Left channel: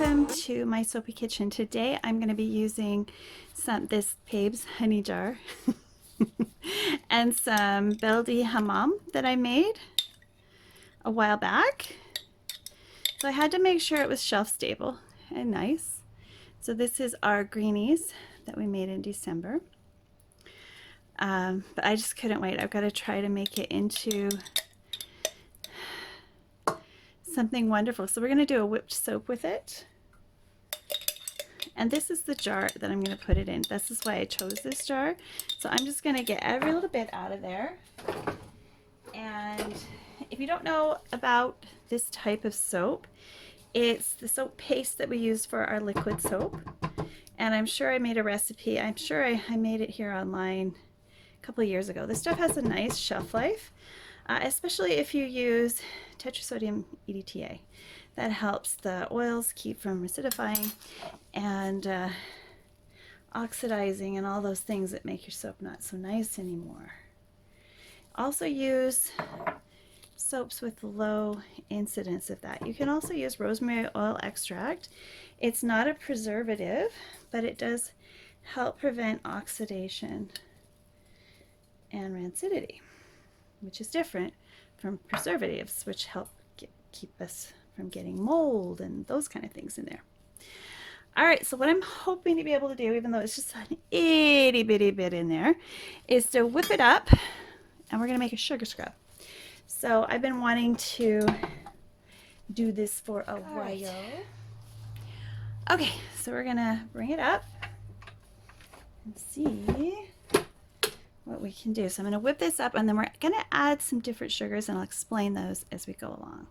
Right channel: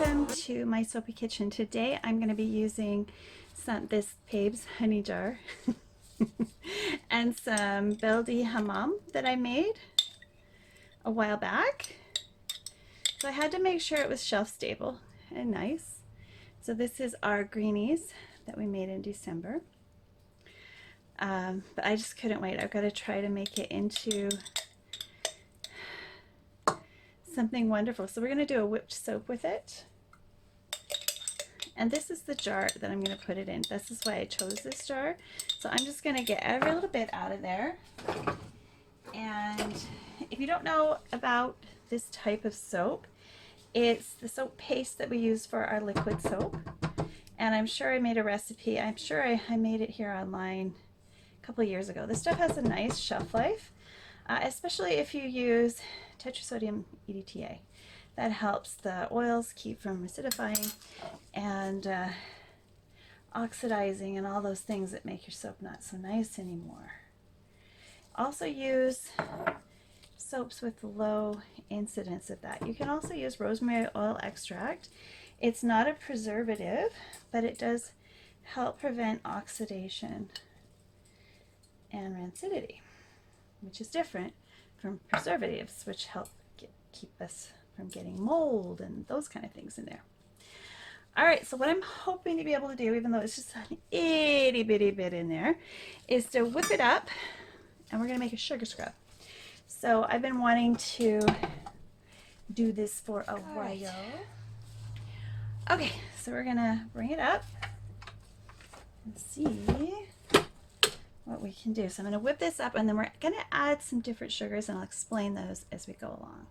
welcome to my soapy kitchen. Today I'm going to be using this Pabe's honey jar and some Bildi hammam that I made a while back. So I had to make sure it was shelf stable and nice. So this is our Greenies that we made in December. But I just couldn't wait. I've got to try to make it into something wonderful. So we're going to do a whipped soap with it. And this is the jar that I'm going to put it in. This is why I chose this jar. So I'm just going to get every little bit out of there. And if you don't know about this type of soap, it's the soap paste that we use for our liquid soap. And I'm sure I made a recipe. I'm sure I made it here online a couple of years ago. This stuff has a nice shelf life, especially if you use tetrasodium EDTA. That helps the oils keep from acidifying and oxidizing and all those things that make your soap not so nice anymore. Also use soaps with low incidence of that. You can also use rosemary oil extract. It's not a preservative, but it does help prevent oxidation and rancidity, which is different from preservatives, which help keep us from getting mold and those kind of things in there. All right, so what I'm hoping to be able to do, even though it's just an itty bitty bit in there, is to whip it up, and we're gonna make a sugar scrub. So I've been wanting to do this for a while. Okay, so we're gonna bring it up and see what we can do. So I'm gonna whip this up, and then we're gonna add some different sugars, and I'll explain those as we go along.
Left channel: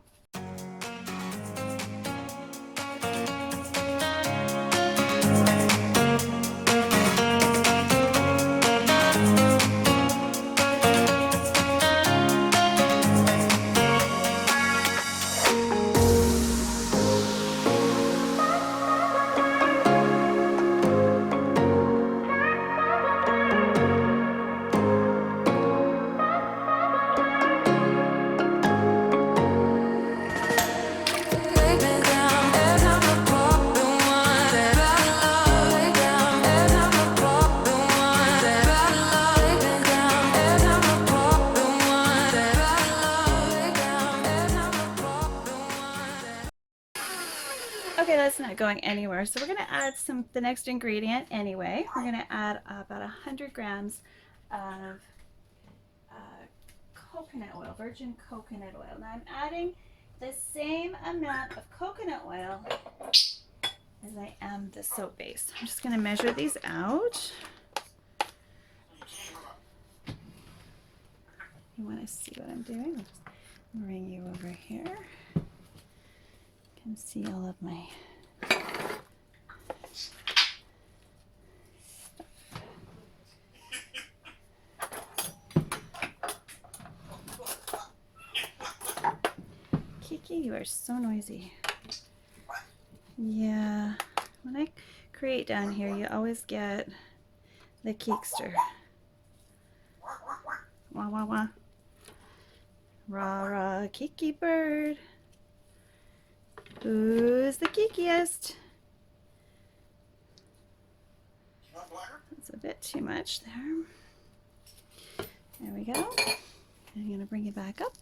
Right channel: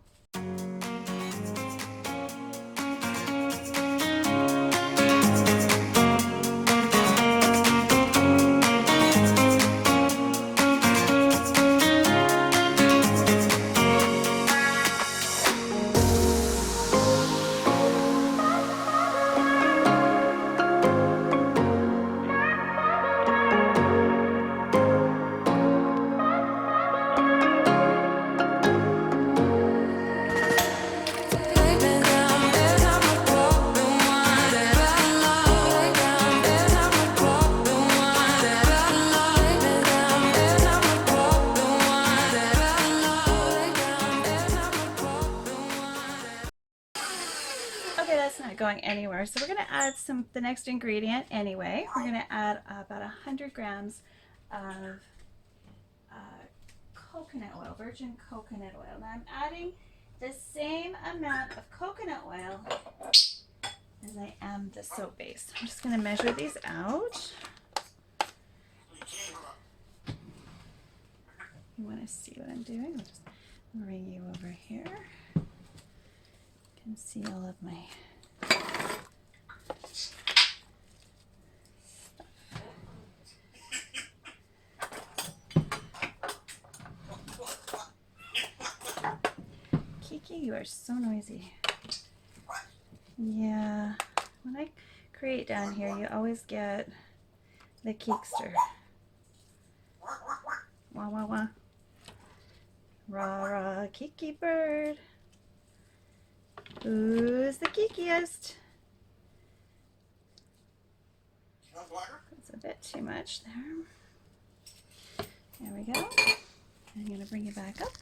Okay, that's not going anywhere. So we're going to add the next ingredient anyway. We're going to add about 100 grams of coconut oil, virgin coconut oil. Now I'm adding the same amount of coconut oil as I am the soap base. I'm just going to measure these out. You want to see what I'm doing? I'll just bring you over here. You can see all of my Kiki, you are so noisy. Yeah, when I create down here, you always get the Keekster. Wah, wah, wah. Rah, rah, Kiki bird. Who's the geekiest? That's a bit too much there. There we go. I'm going to bring it back up.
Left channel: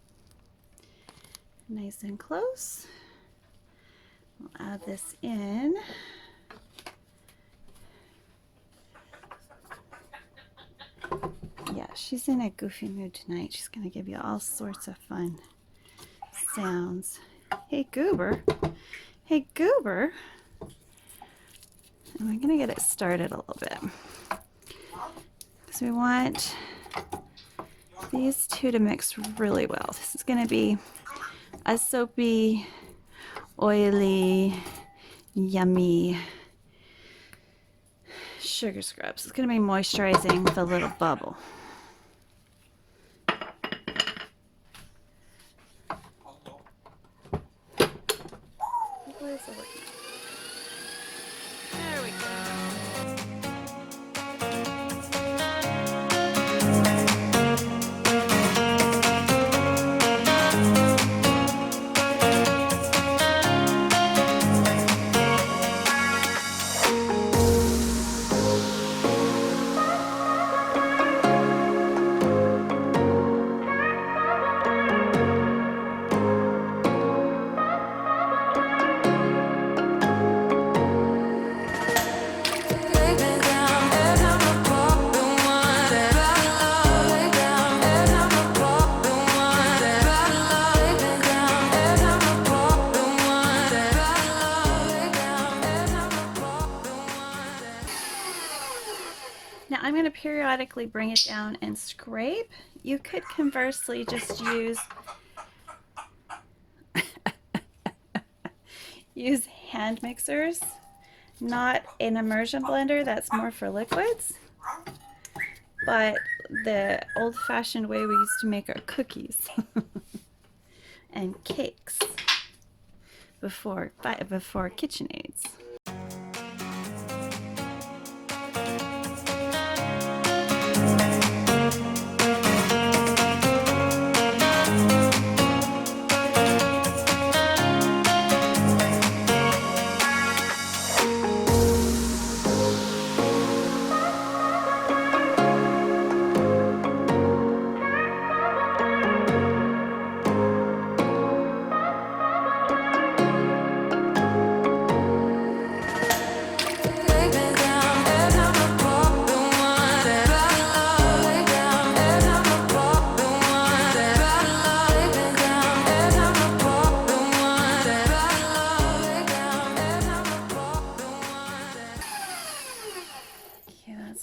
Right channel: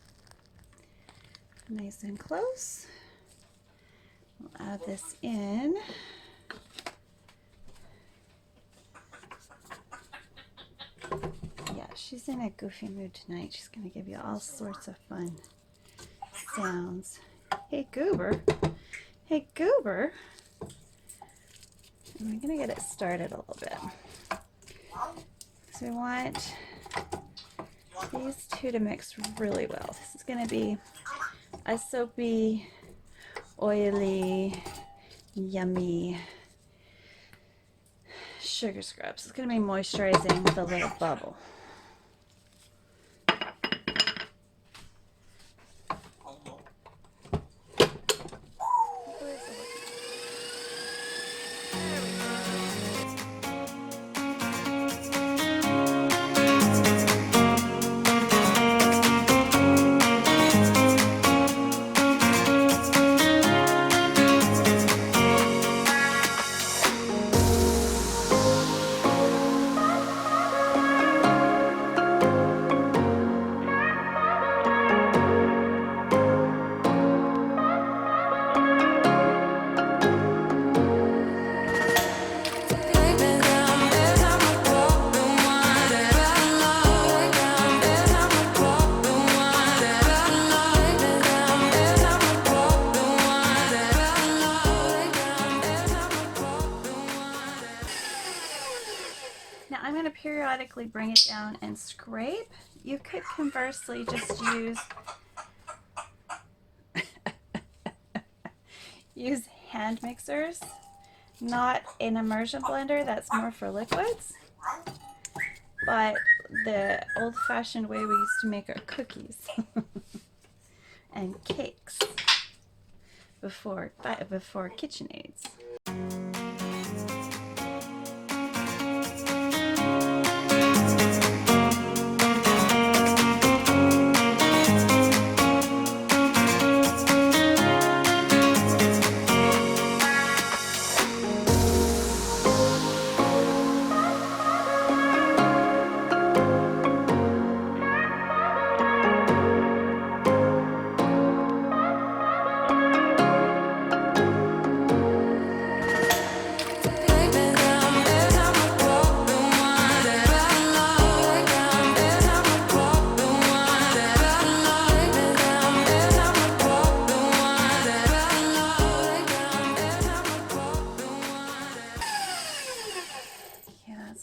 Nice and close. We'll add this in. Yeah, she's in a goofy mood tonight. She's going to give you all sorts of fun sounds. Hey, Goober. Hey, Goober. And we're going to get it started a little bit. So we want these two to mix really well. This is going to be a soapy, oily, yummy sugar scrub. So it's going to be moisturizing with a little bubble. periodically bring it down and scrape. You could conversely just use use hand mixers, not an immersion blender, that's more for liquids, but the old-fashioned way we used to make our cookies and cakes before KitchenAids.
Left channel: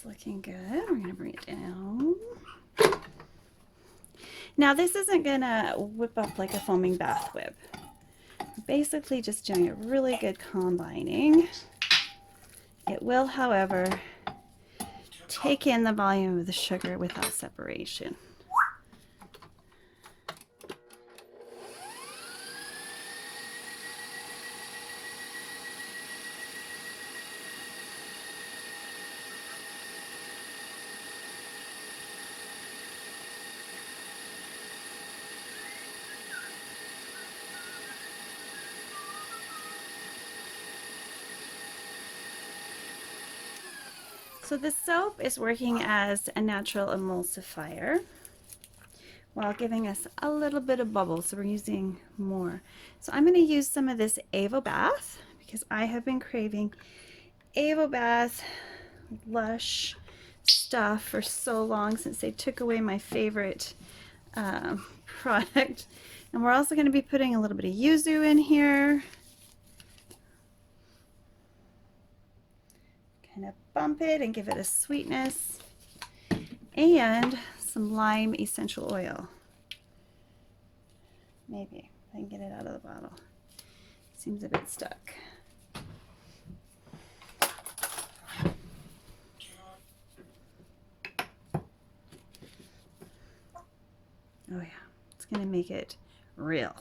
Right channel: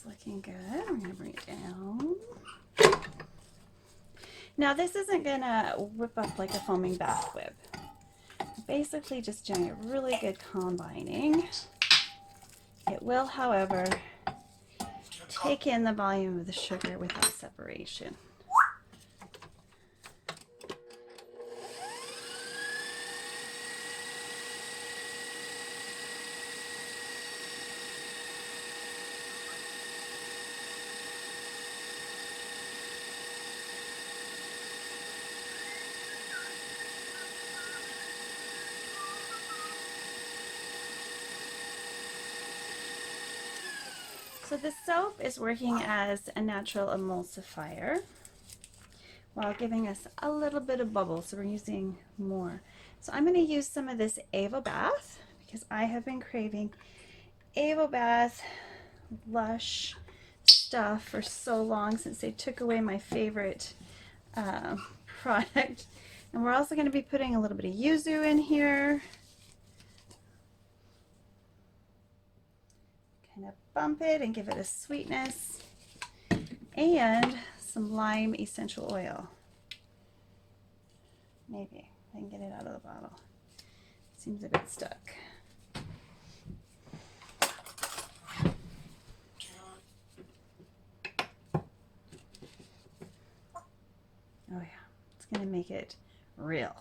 Looking good. We're going to bring it down. Now this isn't going to whip up like a foaming bath whip. Basically just doing a really good combining. It will, however, take in the volume of the sugar without separation. So the soap is working as a natural emulsifier while giving us a little bit of bubble, so we're using more. So I'm going to use some of this Avo Bath because I have been craving Avo Bath Lush stuff for so long since they took away my favorite product. And we're also going to be putting a little bit of yuzu in here. Kind of bump it and give it a sweetness, and some lime essential oil. Maybe I can get it out of the bottle. Seems a bit stuck. Oh yeah, it's gonna make it real.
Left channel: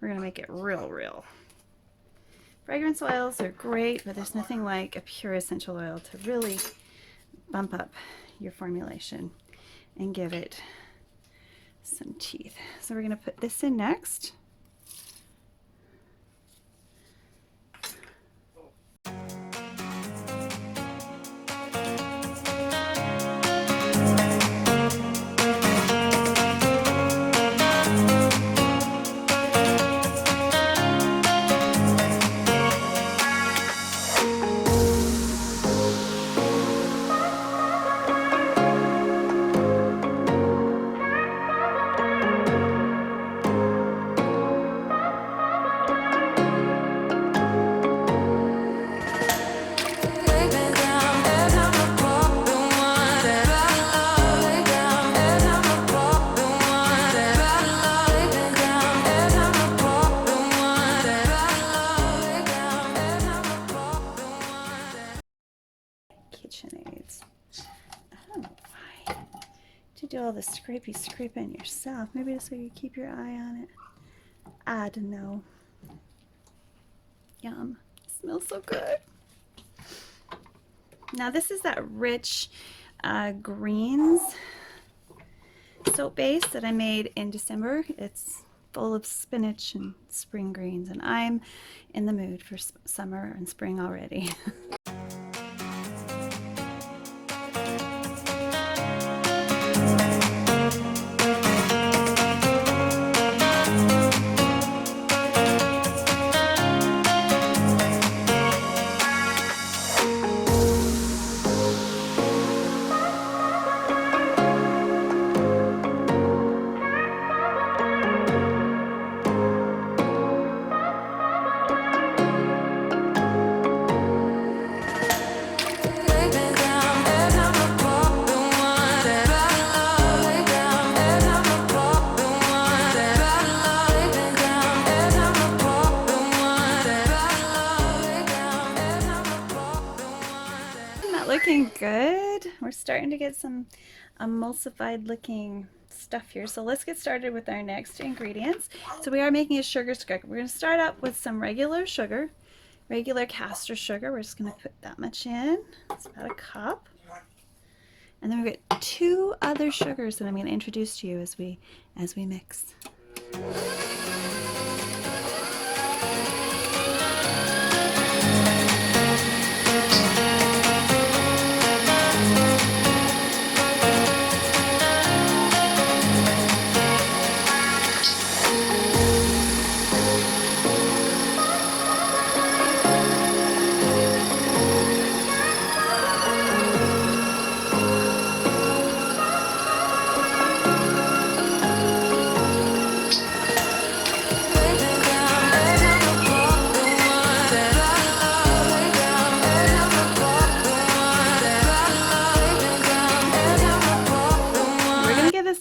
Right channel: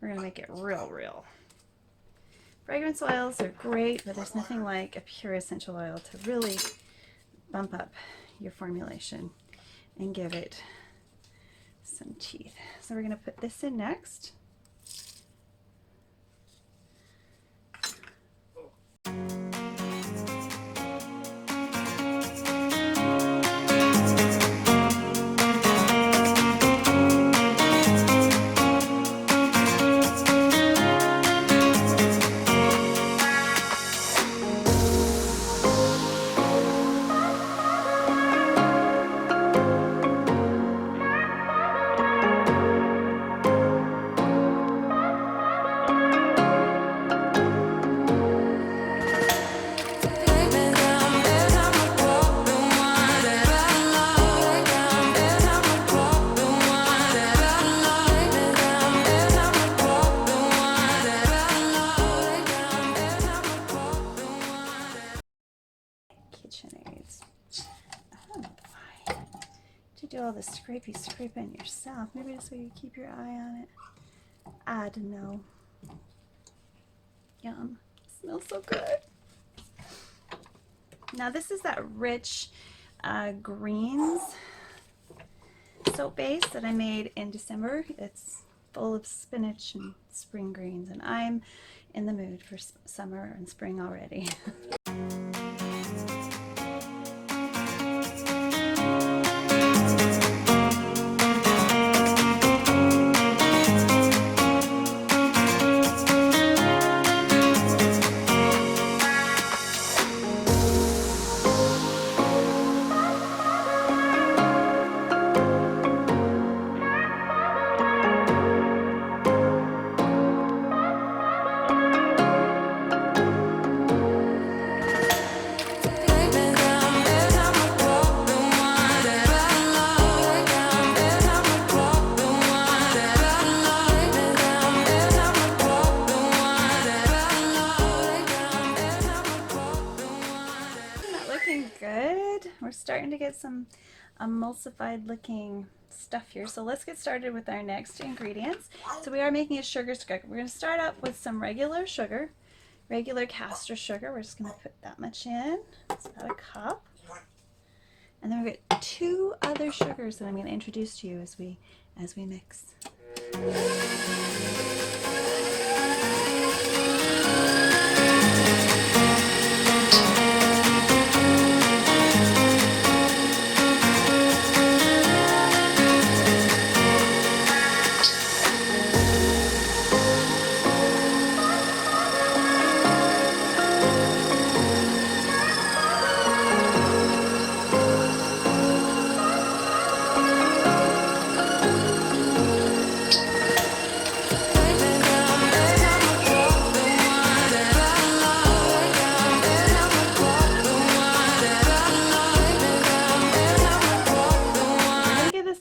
We're gonna make it real. Fragrance oils are great, but there's nothing like a pure essential oil to really bump up your formulation and give it some teeth. So we're going to put this in next. KitchenAids. Oh, why? To do all the scraping yourself. Maybe so you keep your eye on it. I don't know. Yum. It smells so good. Now this is that rich Greens soap base that I made in December. It's full of spinach and spring greens, and I'm in the mood for summer and spring already. we're starting to get some emulsified looking stuff here. So let's get started with our next ingredients. So we are making a sugar scrub. We're going to start out with some regular sugar, regular caster sugar. We're just going to put that much in. It's about a cup. And then we get 2 other sugars that I'm going to introduce to you as we mix.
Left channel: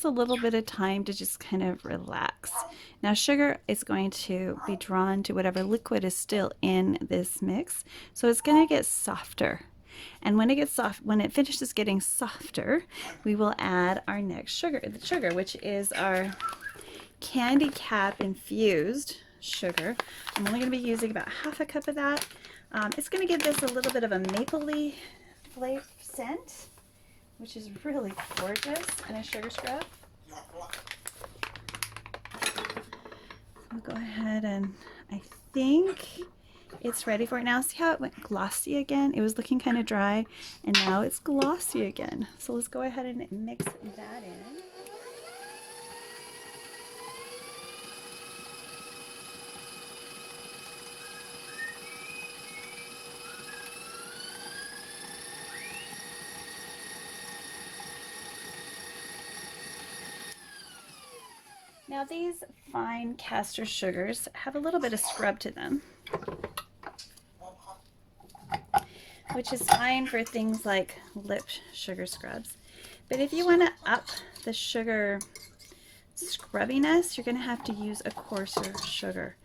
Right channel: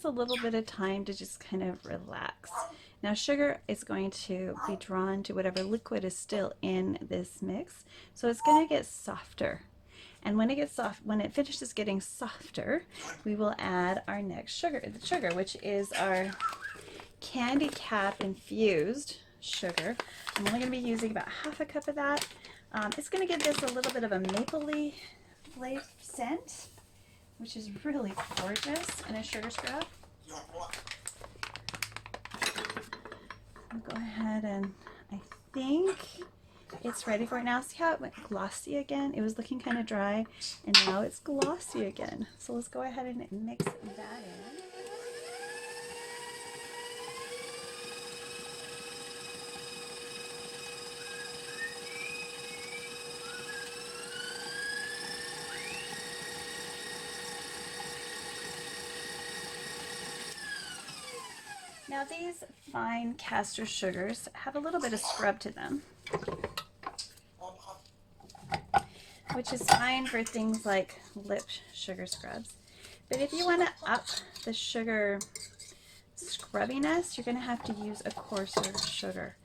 A little bit of time to just kind of relax. Now sugar is going to be drawn to whatever liquid is still in this mix, so it's going to get softer, and when it gets soft, when it finishes getting softer, we will add our next sugar, the sugar, which is our candy cap infused sugar. I'm only going to be using about half a cup of that. It's going to give this a little bit of a mapley flavor scent, which is really gorgeous in a sugar scrub. I'll go ahead and I think it's ready for it now. See how it went glossy again? It was looking kind of dry, and now it's glossy again. So let's go ahead and mix that in. Now these fine caster sugars have a little bit of scrub to them, which is fine for things like lip sugar scrubs. But if you want to up the sugar scrubbiness, you're going to have to use a coarser sugar.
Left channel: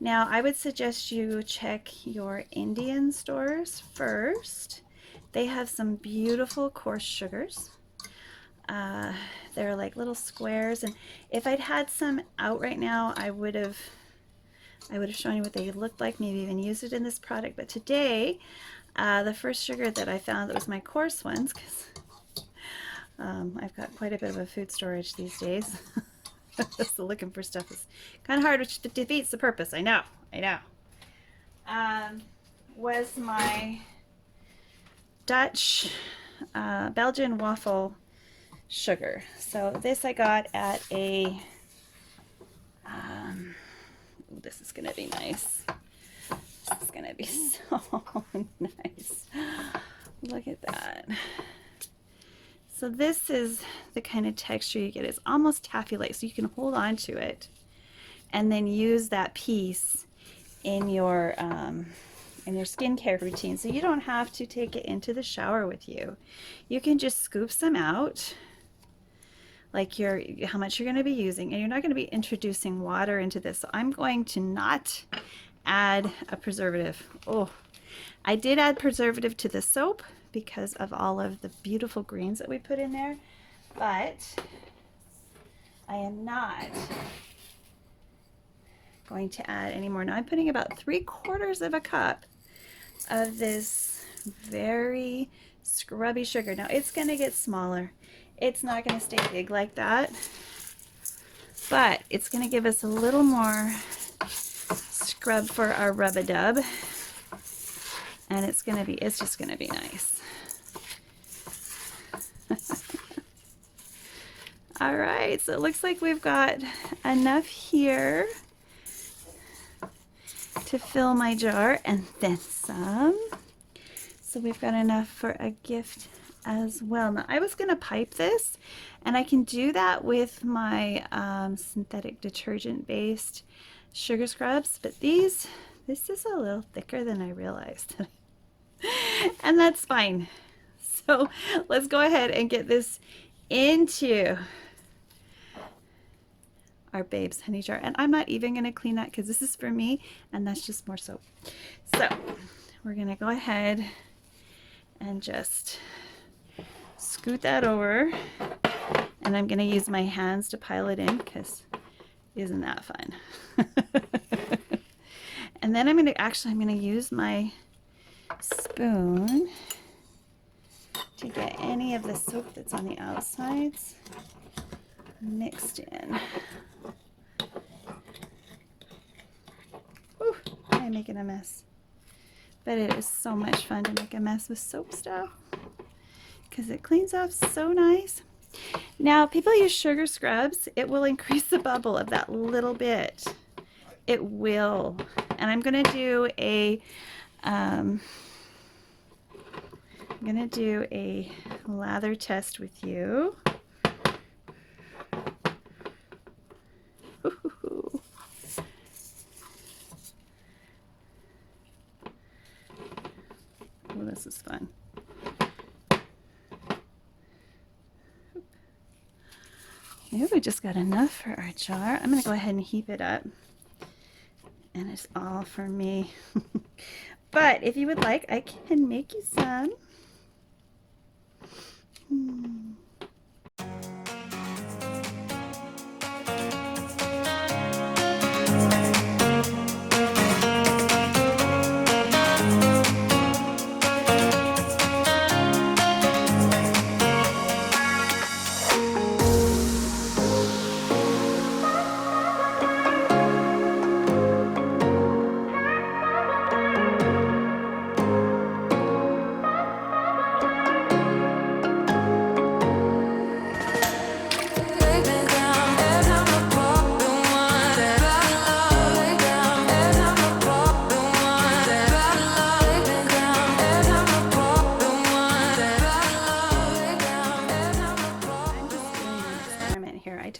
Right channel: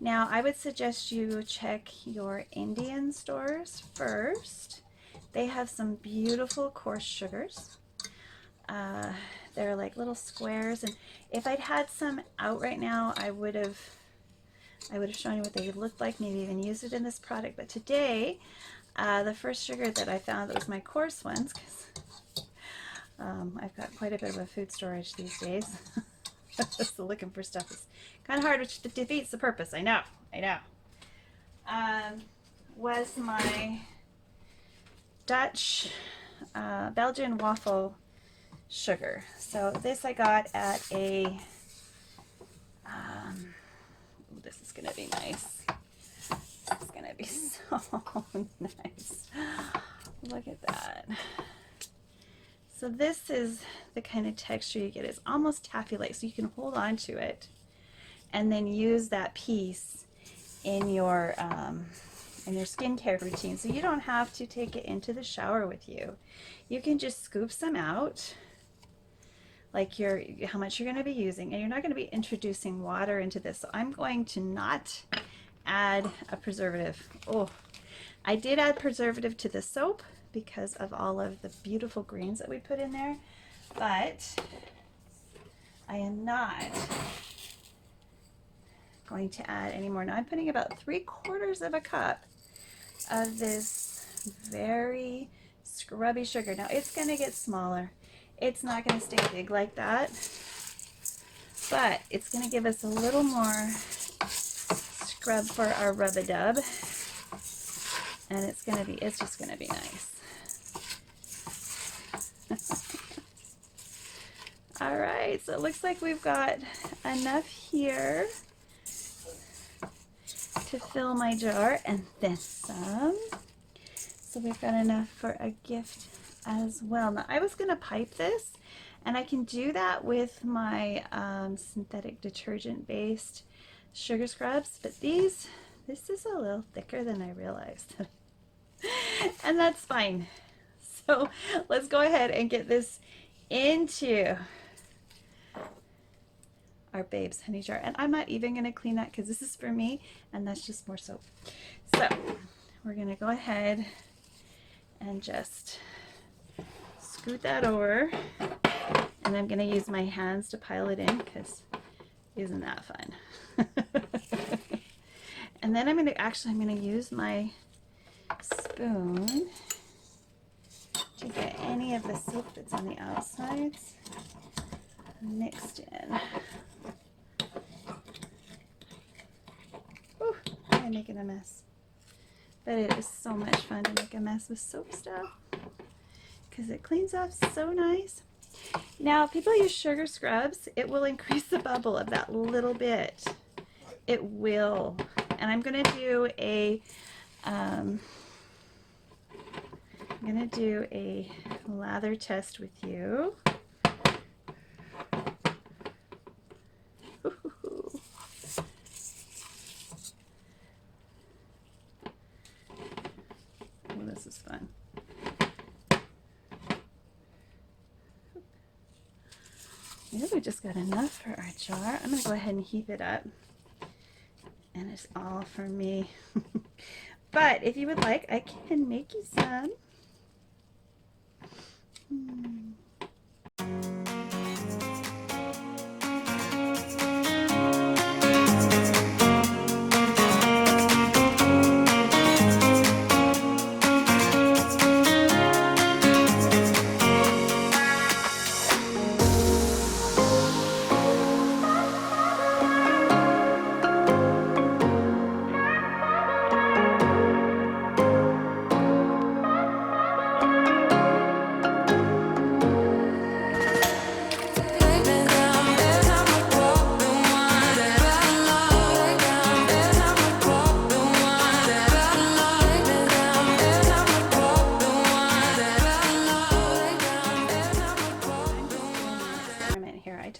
Now I would suggest you check your Indian stores first. They have some beautiful coarse sugars. They're like little squares, and if I'd had some out right now, I would have shown you what they looked like, maybe even used it in this product. But today, the first sugar that I found that was my coarse ones, because I've got quite a bit of a food storage these days. So looking for stuff is kind of hard, which defeats the purpose. I know. Was my Dutch Belgian waffle sugar. So this I got at a this is gonna be nice. This is gonna be so nice. Look at that. So this is the kind of texture you get. It's almost taffy-like, so you can hold on to it and then use that piece in your skincare routine. So you don't have to take it into the shower with you. You can just scoop some out, like how much you're going to be using, and you're not going to be introducing water into this. So I'm going to not add a preservative. Oh, I did add preservative to the soap because of all of the beautiful greens that we put in there, but I am not going to add any more. Now I'm putting about 3/4 of a cup of this very scrubby sugar. Now it's going to get smaller. It's not going to stay big like that, but it's going to give us a little more scrub for our rub-a-dub, and it's just going to be nice. All right, so it looks like we've got enough here to fill my jar, and then some. So we've got enough for a gift as well. Now I was going to pipe this, and I can do that with my synthetic detergent based sugar scrubs, but this is a little thicker than I realized. And that's fine. So let's go ahead and get this into our Babes honey jar, and I'm not even going to clean that because this is for me, and that's just more soap. So we're going to go ahead and just scoot that over, and I'm gonna use my hands to pile it in because isn't that fun? And then I'm gonna use my spoon to get any of the soap that's on the outsides mixed in. Whew, I'm making a mess. But it is so much fun to make a mess with soap stuff because it cleans off so nice. Now, people use sugar scrubs. It will increase the bubble of that little bit. It will. And I'm going to do a lather test with you. Oh, this is fun. Maybe we just got enough for our jar. I'm going to go ahead and heap it up. And it's all for me. But if you would like, I can make you some.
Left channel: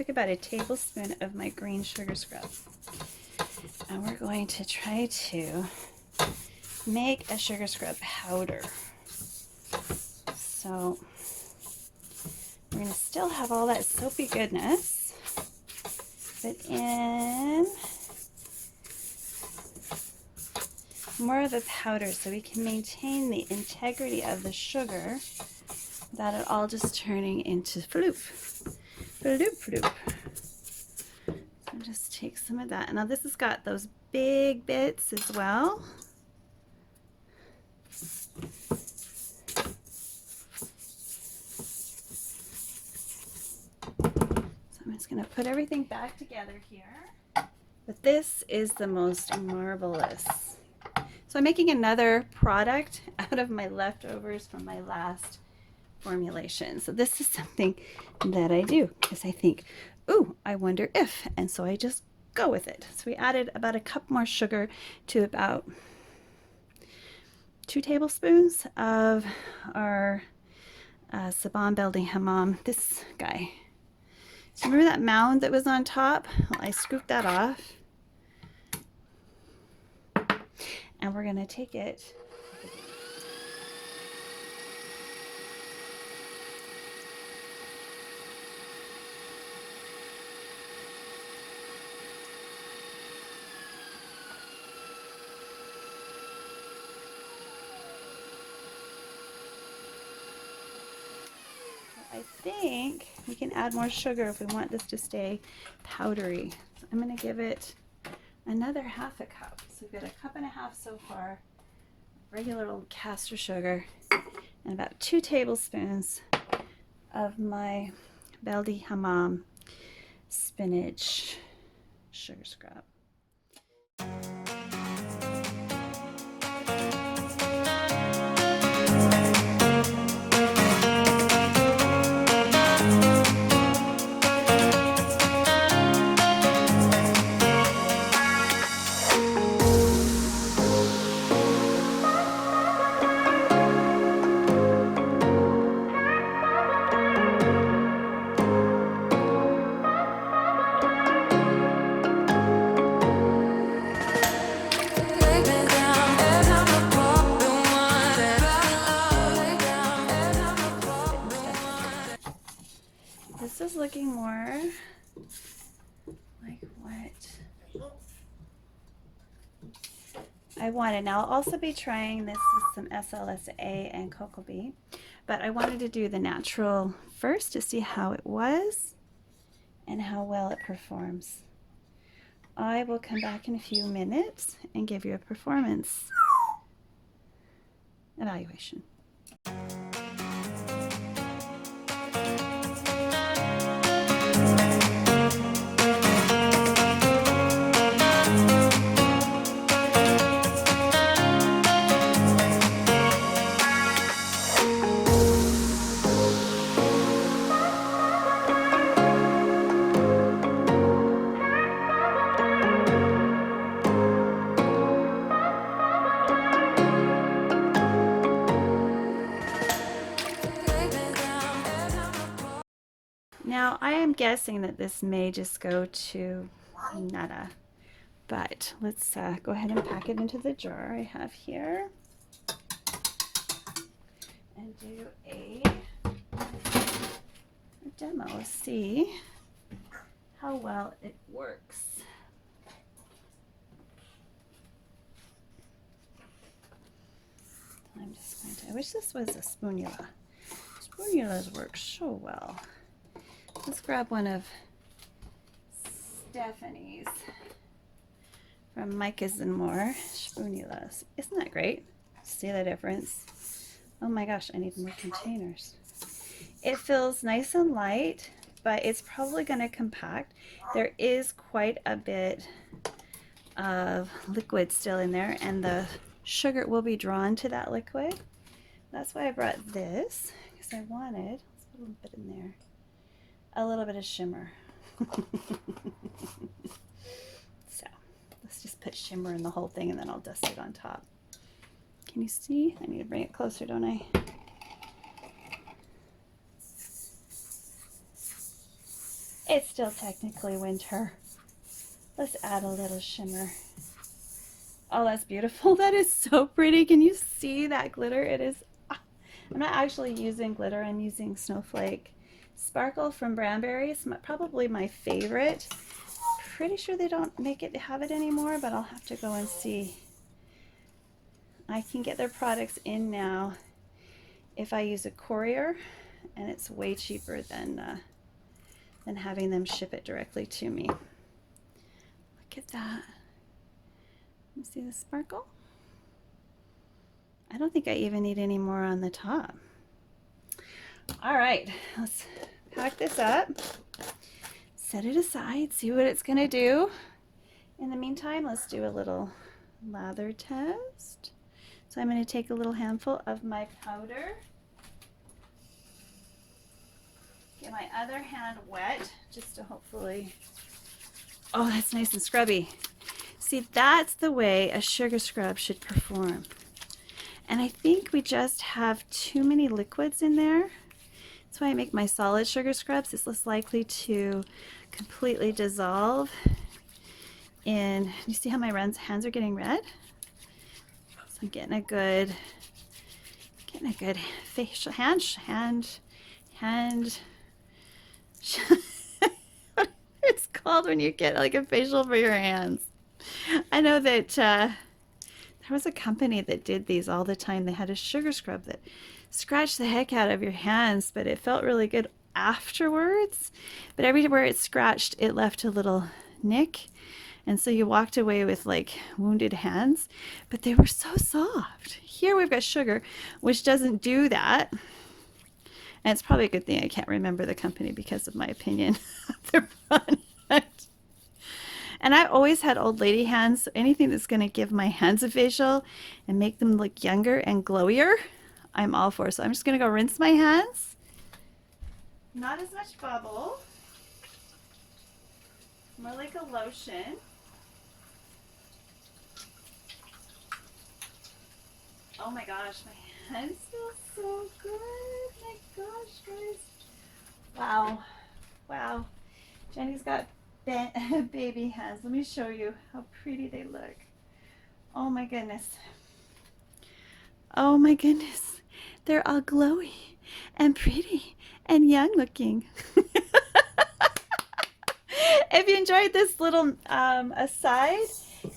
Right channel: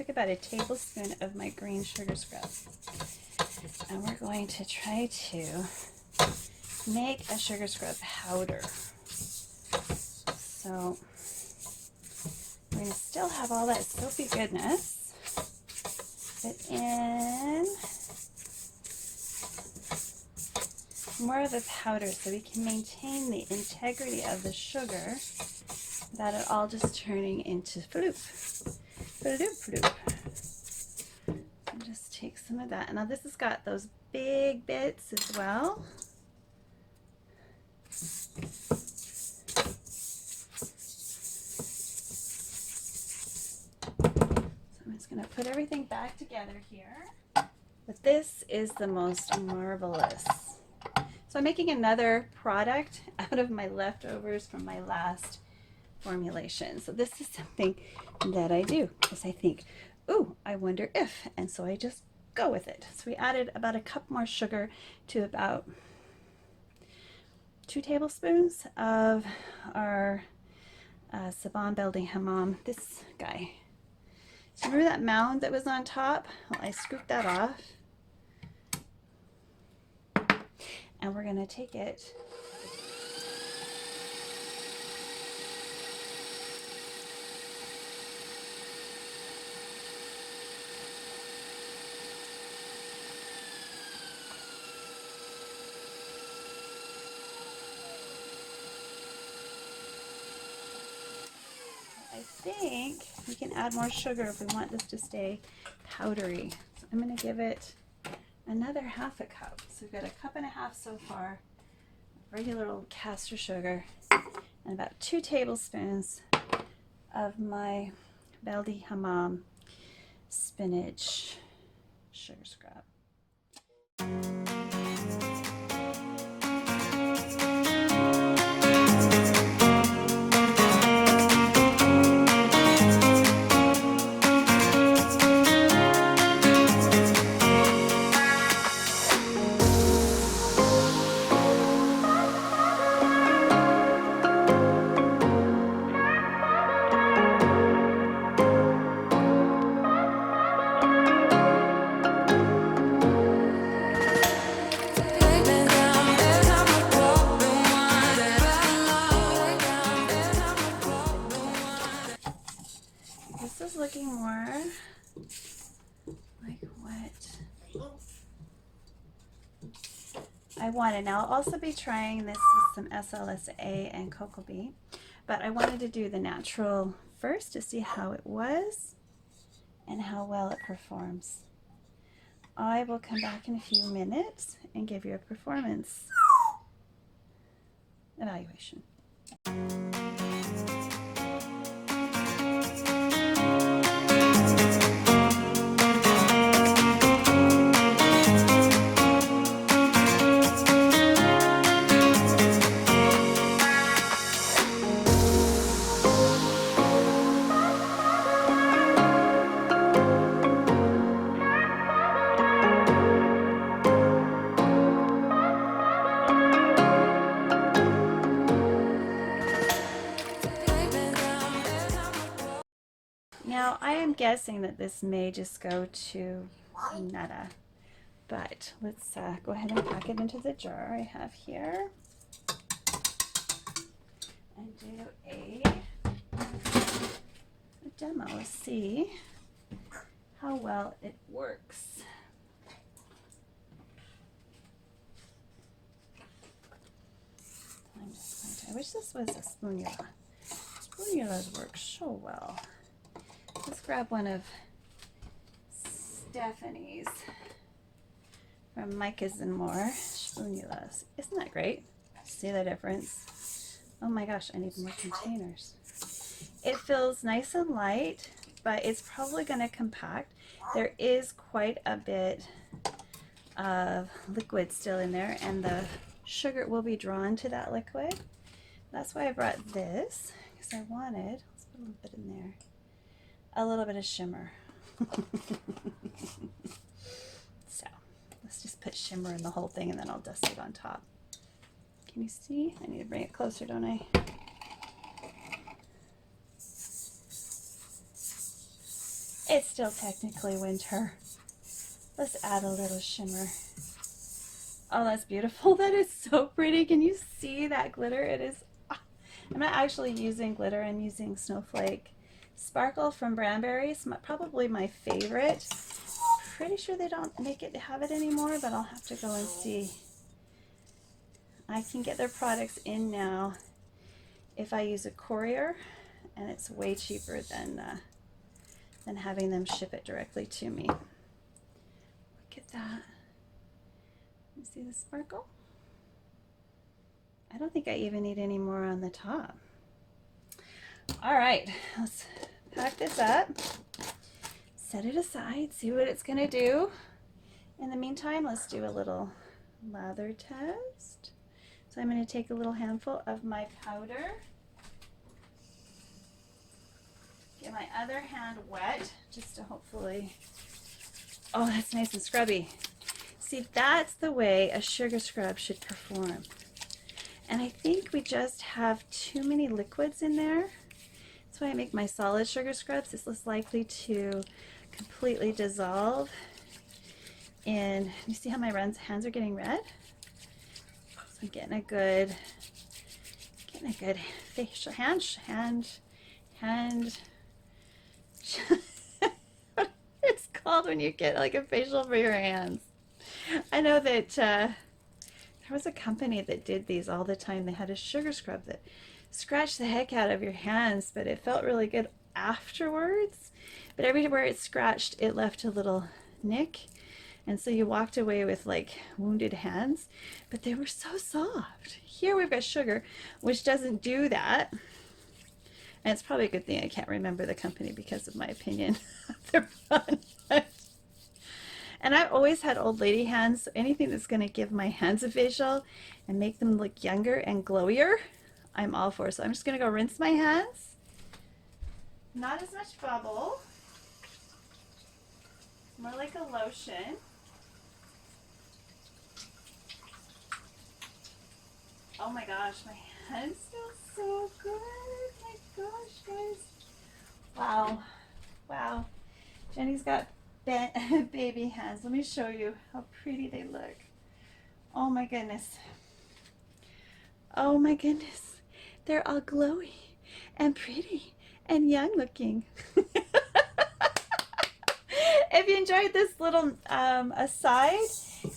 About a tablespoon of my green sugar scrub, and we're going to try to make a sugar scrub powder. So we're going to still have all that soapy goodness, but in more of a powder so we can maintain the integrity of the sugar without it all just turning into floop. Floop. So just take some of that. Now this has got those big bits as well. So I'm just going to put everything back together here. But this is the most marvelous. So I'm making another product out of my leftovers from my last formulation. So this is something that I do because I think, ooh, I wonder if, and so I just go with it. So we added about a cup more sugar to about 2 tablespoons of our Sabon Beldi Hammam, this guy. So remember that mound that was on top? Well, I scooped that off. And we're going to take it I think we can add more sugar if we want this to stay powdery. I'm going to give it another half a cup. So we've got a cup and a half so far, regular old castor sugar, and about 2 tablespoons of my Beldi Hammam spinach sugar scrub. This is looking more like what I wanted. Now I'll also be trying this with some SLSA and cocoa bean, but I wanted to do the natural first to see how it was and how well it performs. I will come back in a few minutes and give you a performance evaluation. Now I am guessing that this may just go to nada, but let's go ahead and pack it into the jar I have here and do a demo, see how well it works. I wish this was a spoonula. Spoonulas work so well. Let's grab one of Stephanie's from Micah's and More spoonulas. Isn't that great? See the difference? Oh my gosh, I need more containers. It feels nice and light, but it's probably going to compact. There is quite a bit of liquid still in there, and the sugar will be drawn to that liquid. That's why I brought this, because I wanted, let's put a little bit in there, a little bit of shimmer. So let's just put shimmer in the whole thing, and then I'll dust it on top. Can you see? I need to bring it closer, don't I? It's still technically winter. Let's add a little shimmer. Oh, that's beautiful. That is so pretty. Can you see that glitter? It is, I'm not actually using glitter. I'm using Snowflake Sparkle from Branberry. It's probably my favorite. Pretty sure they don't have it anymore, but I'll have to go and see. I can get their products in now if I use a courier, and it's way cheaper than having them ship it directly to me. Look at that. You see the sparkle? I don't think I even need any more on the top. All right, let's pack this up, set it aside, see what it's gonna do. In the meantime, let's do a little lather test. So I'm gonna take a little handful of my powder, get my other hand wet, just to hopefully, oh, that's nice and scrubby. See, that's the way a sugar scrub should perform. And I think we just have too many liquids in there. That's why I make my solid sugar scrubs. It's less likely to completely dissolve. And you see how my hands are getting red? So I'm getting a good facial hand. It's called when you get like a facial for your hands. I know that there was a company that did these all the time. They had a sugar scrub that scratched the heck out of your hands, but it felt really good afterwards. But everywhere it scratched, it left a little nick. And so you walked away with like wounded hands, but they were so soft. Here we've got sugar, which doesn't do that. And it's probably a good thing I can't remember the company because of my opinion of their product. And I always had old lady hands, so anything that's going to give my hands a facial and make them look younger and glowier, I'm all for. So I'm just going to go rinse my hands. Not as much bubble. More like a lotion. Oh my gosh, my hands feel so good. My gosh, guys. Wow. Wow. Jenny's got baby hands. Let me show you how pretty they look. Oh my goodness. Oh my goodness. They're all glowy and pretty and young looking. If you enjoyed this little aside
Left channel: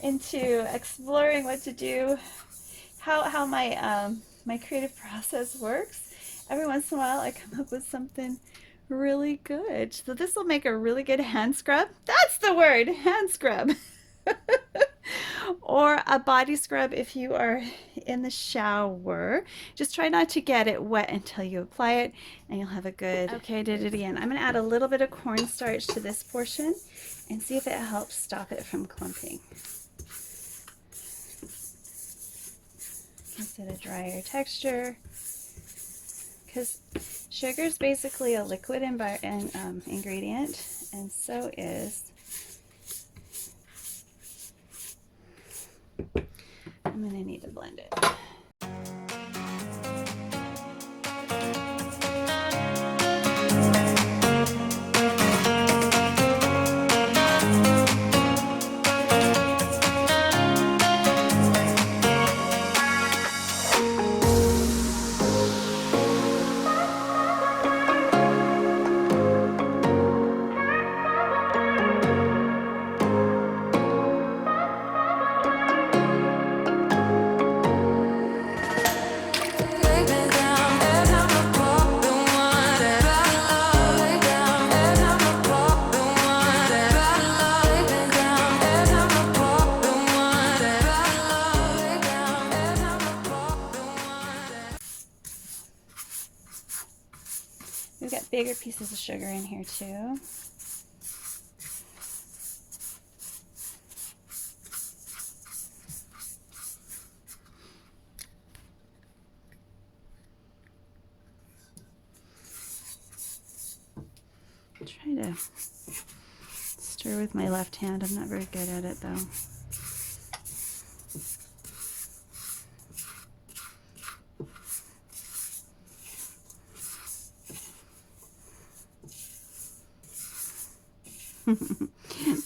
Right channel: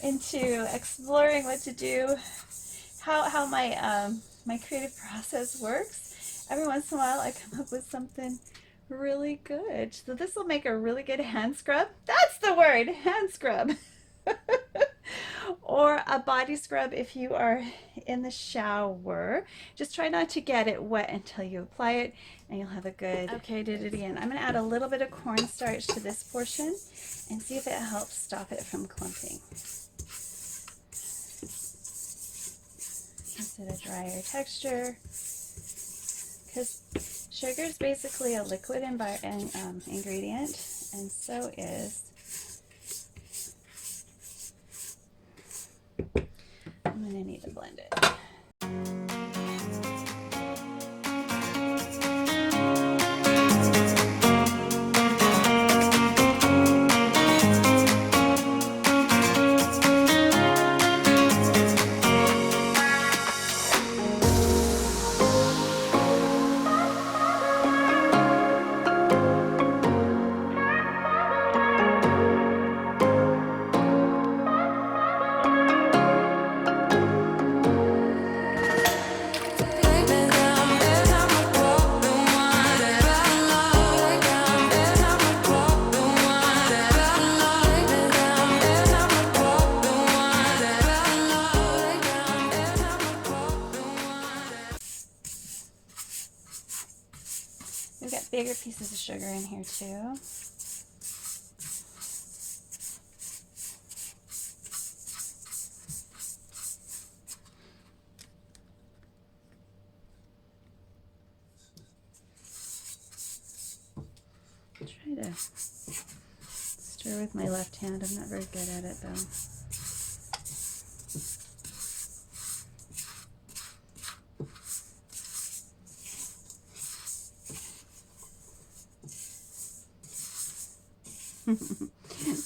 into exploring what to do, how my my creative process works, Every once in a while I come up with something really good. So this will make a really good hand scrub. That's the word, hand scrub. Or a body scrub if you are in the shower. Just try not to get it wet until you apply it, and you'll have a good... Okay, did it again. I'm going to add a little bit of cornstarch to this portion and see if it helps stop it from clumping. Is it a drier texture? Because sugar is basically a liquid ingredient, and so is... I'm going to need to blend it. We've got bigger pieces of sugar in here too. Try to stir with my left hand. I'm not very good at it though.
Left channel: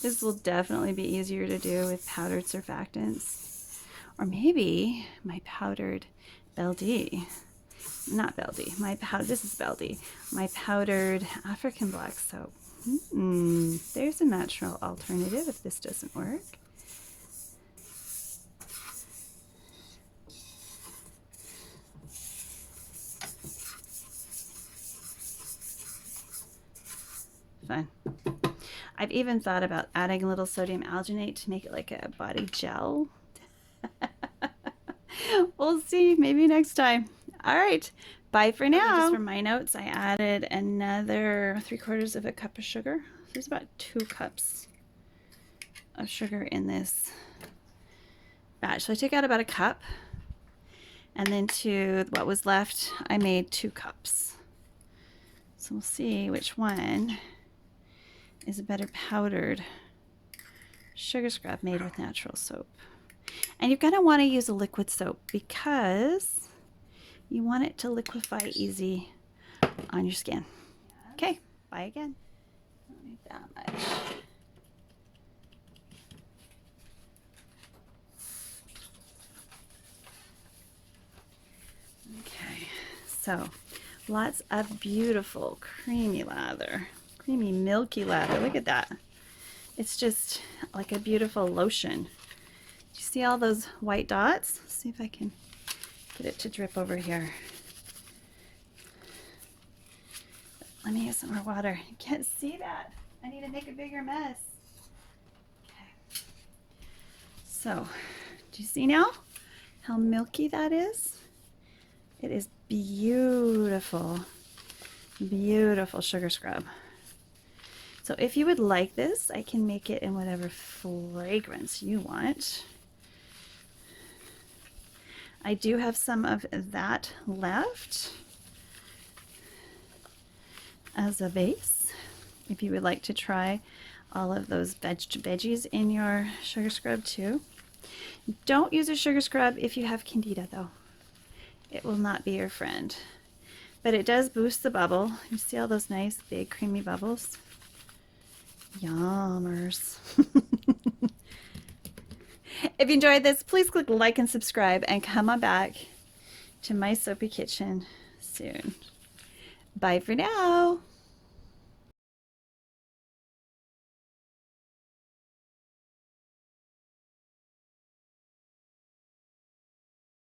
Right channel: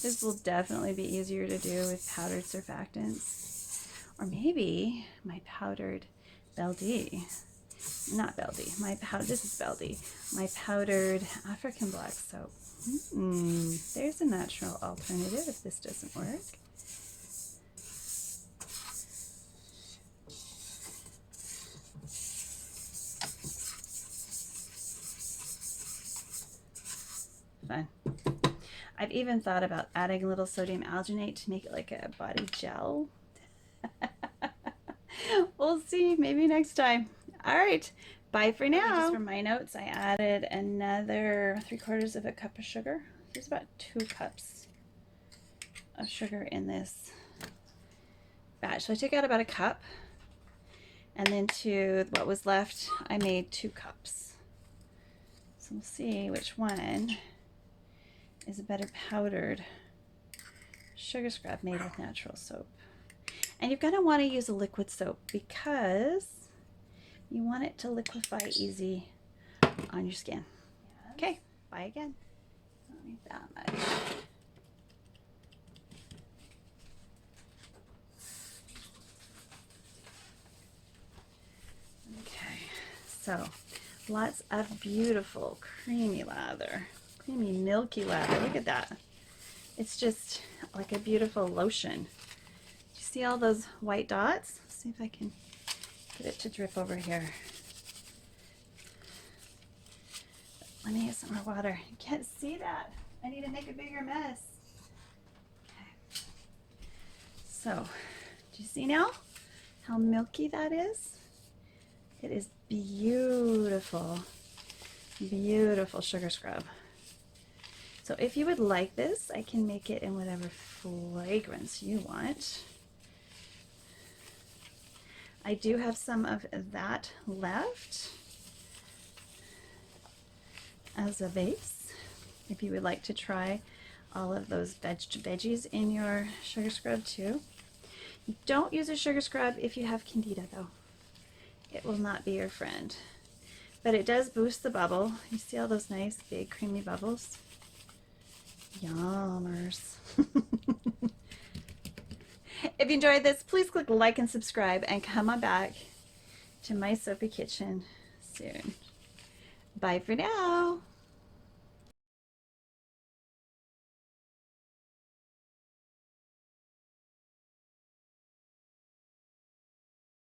This will definitely be easier to do with powdered surfactants, or maybe my powdered Beldi. Not Beldi. This is Beldi. My powdered African black soap. There's a natural alternative if this doesn't work. Fun. I've even thought about adding a little sodium alginate to make it like a body gel. We'll see, maybe next time. All right, bye for now. Just for my notes, I added another 3/4 of a cup of sugar. There's about 2 cups of sugar in this batch. So I took out about a cup, and then to what was left, I made 2 cups. So we'll see which one is a better powdered sugar scrub made with natural soap. And you're going to want to use a liquid soap because you want it to liquefy easy on your skin. Okay, bye again. Don't need that much. Okay, so lots of beautiful creamy lather. Creamy milky lather. Look at that. It's just like a beautiful lotion. Do you see all those white dots? Let's see if I can get it to drip over here. Let me get some more water. You can't see that. I need to make a bigger mess. Okay. So, do you see now how milky that is? It is beautiful, beautiful sugar scrub. So if you would like this, I can make it in whatever fragrance you want. I do have some of that left as a base. If you would like to try all of those veggies in your sugar scrub too. Don't use a sugar scrub if you have candida though. It will not be your friend. But it does boost the bubble. You see all those nice big creamy bubbles? Yummers. If you enjoyed this, please click like and subscribe and come on back to my soapy kitchen soon. Bye for now.